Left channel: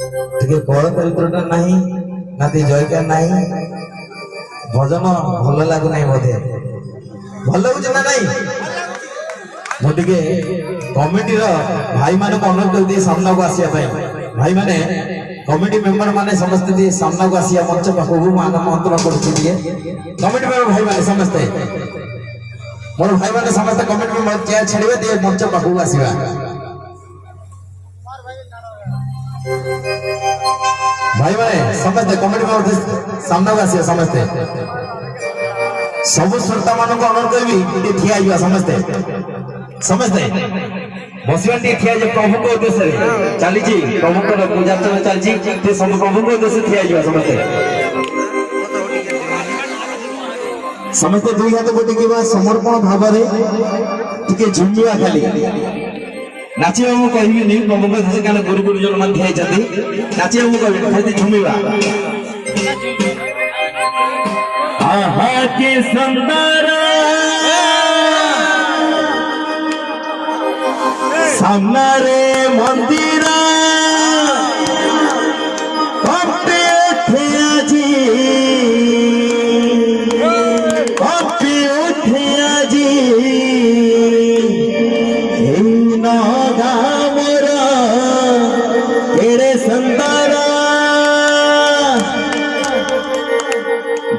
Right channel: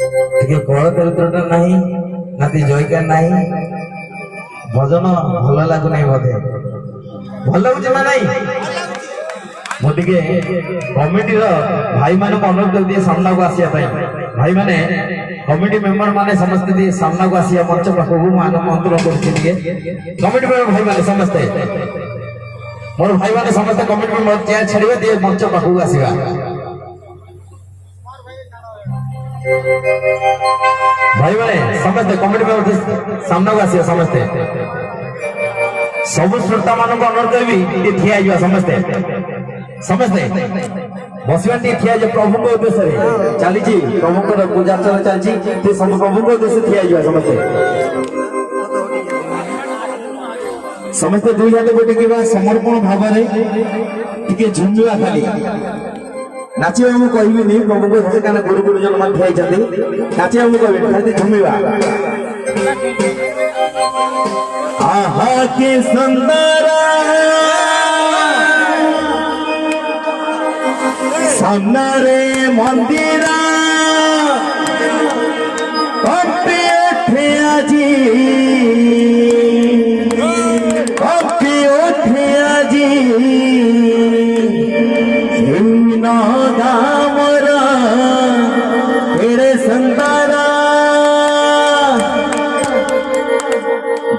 टिके कल चरित्रटा नहीं नाती जयकार नहीं भजन भल लगु नहीं बोधे भल लगुच ना नहीं मुझे कमिटी भाई माने अनुरोध कर दिए सामना को आसिया भाई माने कमिटी मेंबर माने समस्त दिए सामना को आसिया मंच पाखु आमंत्रण कर कमिटी मेंबर भाई माने समस्ते मोर भाई माने समस्त कमिटी मेंबर चेयर छाड़िबे दिए मंच पाखु आसीबा भाई माने समस्त कमिटी मेंबर सामना को आसिया समस्ते सब श्रोता मान को अनुरोध करबी ये ठिया आइबा समस्ते समझते बसवा ठिया जे प्रभु को उद्देश्य चली प्रभु को पूजा चली सब प्रभु को उद्देश्य ठिया जा समझते समस्ते दुई हाथ को टिके समर्पण भाव टिके झुमिया खाली नाचिया मु कहबी नहीं प्रभु को उद्देश्य कारण गुरु गुरुजन मान ठिया जाती नाचिया मु कहबी खाली झुमिया आहा के सुंदर सामने मंदिर कपे थे आजी कपे थे आजी दामरा तेरे सुंदर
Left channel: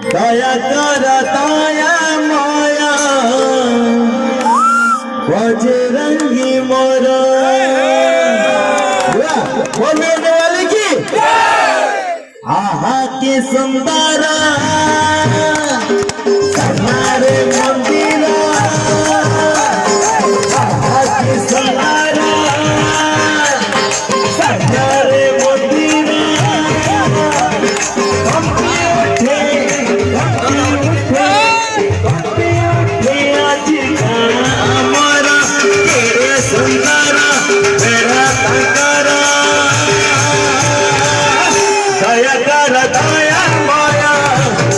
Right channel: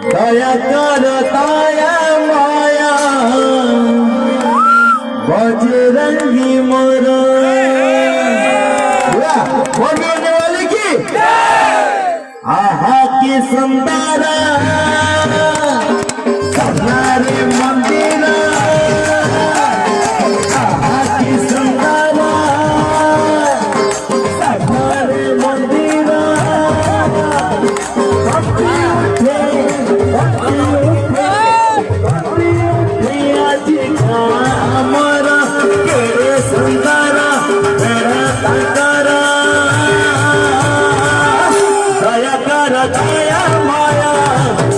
दया कर दया माया बजरंगी मोरा बोलने वाले की आहा के सुंदर हमारे मंदिर आहा के सुंदर हमारे मंदिर कपी उठे आज हमारा तेरे सुंदर मेरा तंकरा दया कर दया माया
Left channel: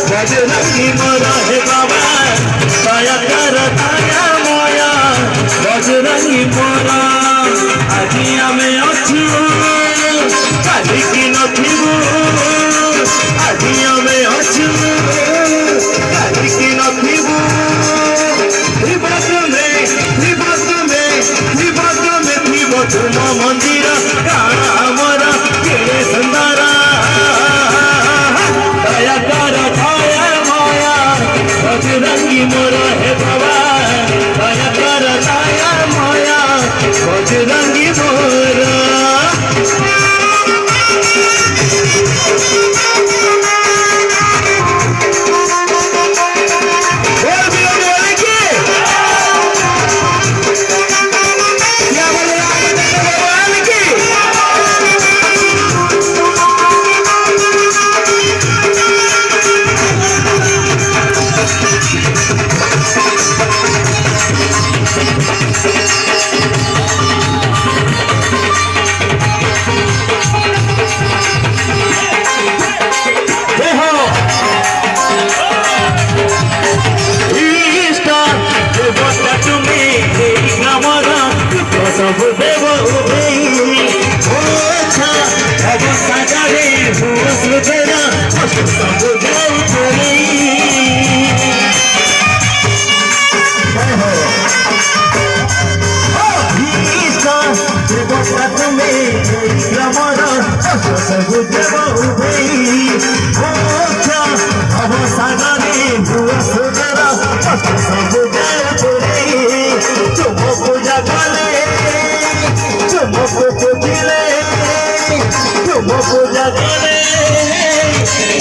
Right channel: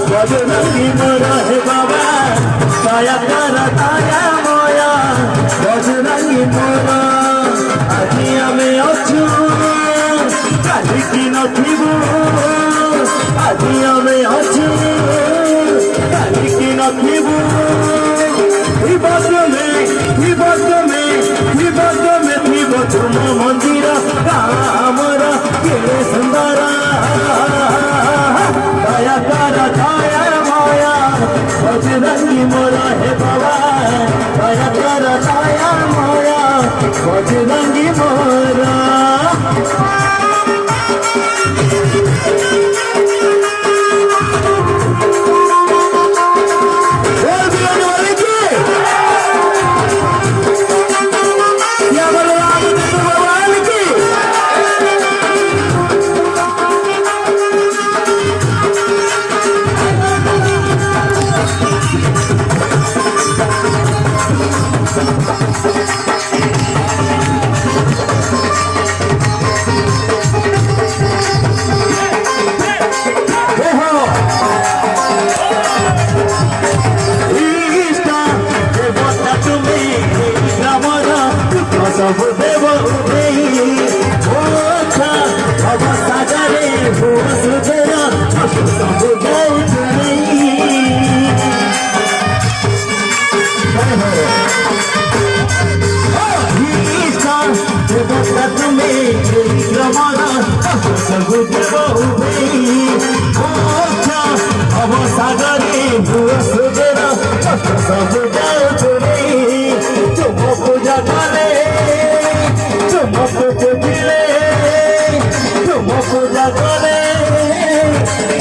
बजरंगी मोरा है बाबा दया कर दया माया बजरंगी मोरा आजी हमें अच्छू काली की नथिबू आजी हमें अच्छू काली की नथिबू तुम मंदिर हमारा केले सुंदर दया कर दया माया बजरंगी मोरा है बाबा दया कर दया माया बजरंगी मोरा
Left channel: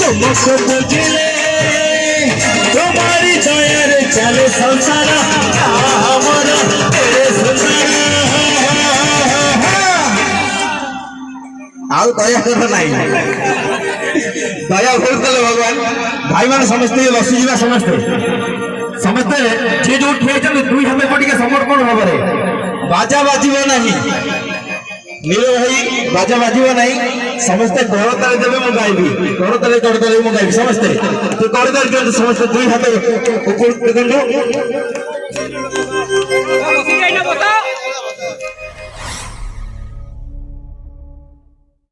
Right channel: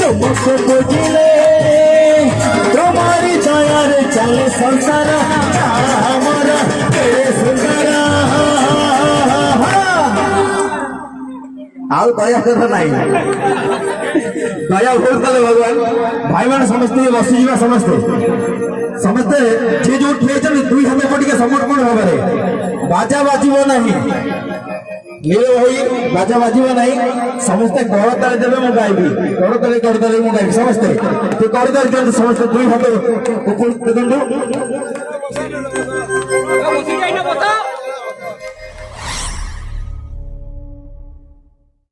तुमको बुझले तुम्हारी दया रे चले संसार हमारा तेरे सुंदर आउ दया कर नहीं दया बहुत कले भगवान भाई मान समझते बसी जीवा समझते समझते जे जो ठे दुई हमें पटिके समर्पण भाବରେ बाजा बाजिबे नहीं नील भाई बाजा बाजिबे नहीं समस्ते करताली देवे मु गाइबी करताली मु गाइबी समस्ते तो करताली समस्ते दुई हाथ ऊपर